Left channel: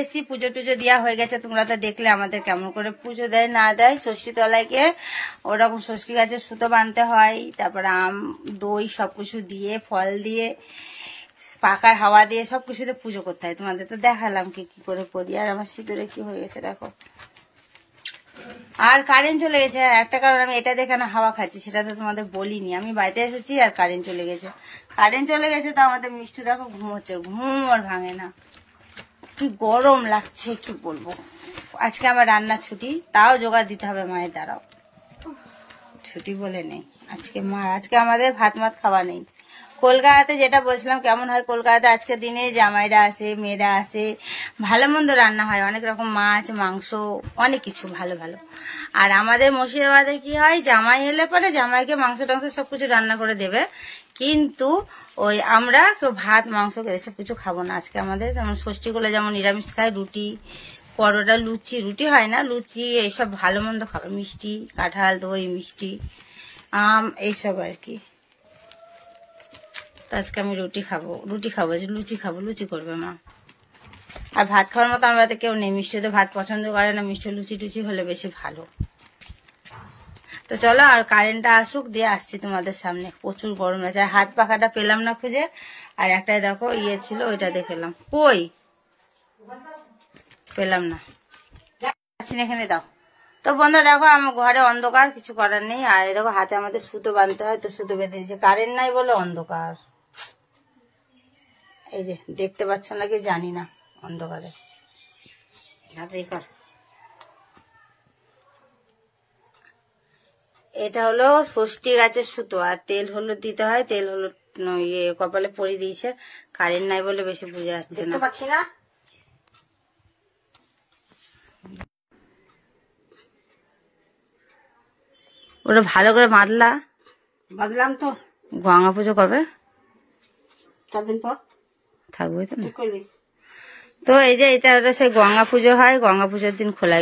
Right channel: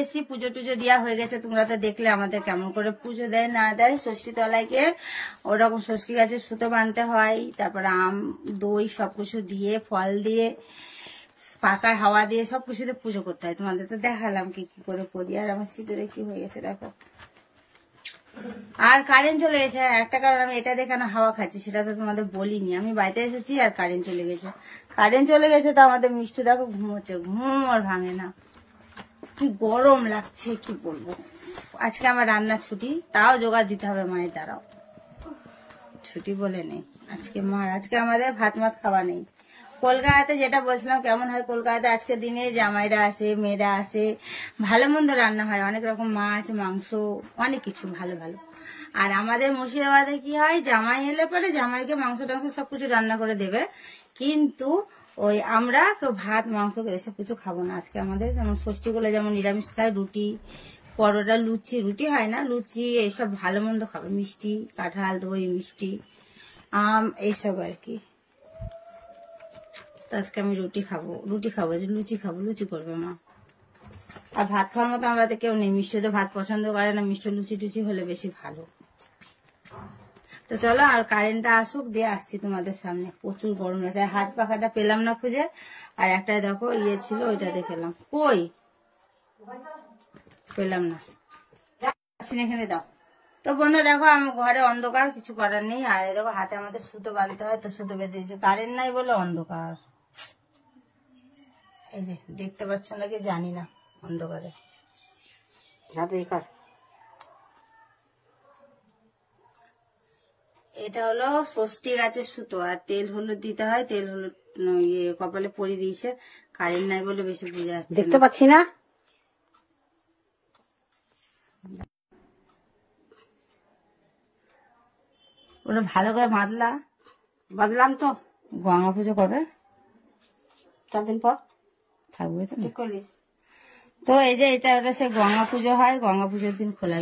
এসছি, পুজো টুজো দেওয়া হয়ে গেছে। তোমরা তো দেখলে আমাদের কেমন করে পুজো দেয় না দেয়। ষষ্ঠী তলায় গিয়ে ওরকম ষষ্ঠী গাছে সুতো বাঁধতে হয়, তারপরে আম দই সবকিছু দিয়ে, ফল দিয়ে, পাকার হাওয়া দিয়ে সবকিছুতে পুজো করতে হয়। তোমাদের তো দেখালাম কি কি করে করি। আর আমার সিঁদুরে কি হয়ে গেছে দেখো। আর কারেন্ট চলে গেছে। একটা কারণ আমি এটা দেখে না হাওয়া খাচ্ছি, সেটা তো তোমাদের বলিনি। আমি বাড়িতে এসেছি আর কারেন্ট চলে গেছে। কারেন্ট চলে গেছে তো আমাদের মিষ্টি দেখো ঘুমোচ্ছে, ঘুম আর ভাঙে না। কি গরম লাগছে কি বলবো। আজকে আমার রান্না ছুটি, তাও জোগাড় দিতে হবে মায়ের দ্বারাও। ছুটি বলে নেই আজকে মার, আজকে আমাদের ভাত মাত খাওয়া নেই। কলকাতাতে যেটা বলছিলাম কেমন হয়, কলকাতাতে আজকের দিনে জামাইরা আসে, মেয়েরা আসে, ভালো মন্দ রান্না হয়, অনেক রকম মাছ মাংস অনেক কিছু ভালো ভালো। আর আমাদের মুর্শিদাবাদে কি হয়, জামাই এলে পরে জামাইকে মাংস টাংস সবকিছু রান্না করে দেবে, কিন্তু ওই আমরা কেউ ভাত মাংস এসব কিছু খাবো না। আজকে আমাদের যেমন ষষ্ঠীগুলো যেমন নিরামিষ খায়, রুটি পরোটা লুচি, রুটি হয় না লুচি, এইসব ভালো মন্দ খাবে, মিষ্টি কাঁঠাল দই মিষ্টি আম এইসব আর কি। আজকে আমি রুটি খাবো লুচি খাবো, লুচি করবে মা। আর ভাত খাওয়ার মতো আমার বাড়িতে কেউ নেই, মিষ্টি তো ভাত পছন্দ করে না, মিষ্টি লুচি টুচি হলে বেশি ভালো। তো চলো আর কারেন্টটা আসুক, দিয়ে আসছি তোমাদের সামনে। প্রচুর গরম লাগছে, হাত পাখাটা পেলাম না খুঁজে, আর একটাই দেখো ইয়ে ছিল ওইটা দেখলাম, কই পেলাম না, এখানে দাও। তো বন্ধু দেখো আমার ঘরে অন্ধকার, কিছু করার নেই। আর দেখো হাতে আমাদের সুতো বাঁধতে হয়, তো সুতো বেঁধে দিয়েছে, কারেন্ট নাই বলে অন্ধকার। এই যে দেখতে পাচ্ছ নাকি জানি না, অন্ধকারে এটা হলো ষষ্ঠী গাছের সুতো, আর তেল হলুদ দিতে হয়, তেল হলুদ ইয়ে কপালে পরিয়ে দিয়েছে। কারেন্ট নাই বলে বেশি বুঝে যাচ্ছে, দেখতে পাচ্ছি না। ওটা ভালো করে বাঁধলাম তো। গঙ্গা পুজো কবে? 4 দিন পর থাকবে তো না। তো এই যে এটা সেই গঙ্গা পুজো হয়, গঙ্গা পুজোর দিন খোলা।